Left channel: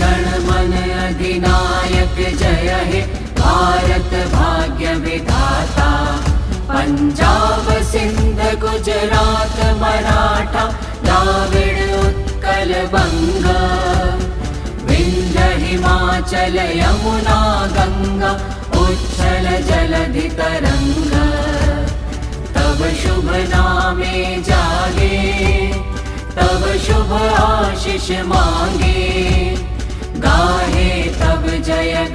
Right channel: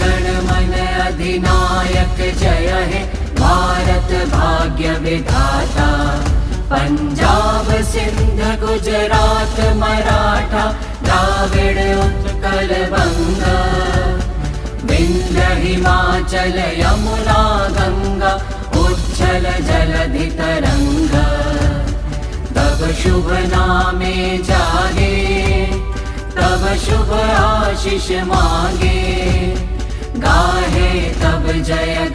गण मन अधिनायक जय हे भारत भाग्य विधाता। पंजाब सिंध गुजरात मराठा द्राविड उत्कल बंग, विंध्य हिमाचल यमुना गंगा उच्छल जलधि तरंग। तब शुभ नामे जागे, तब शुभ आशीष मांगे, गाहे तब जय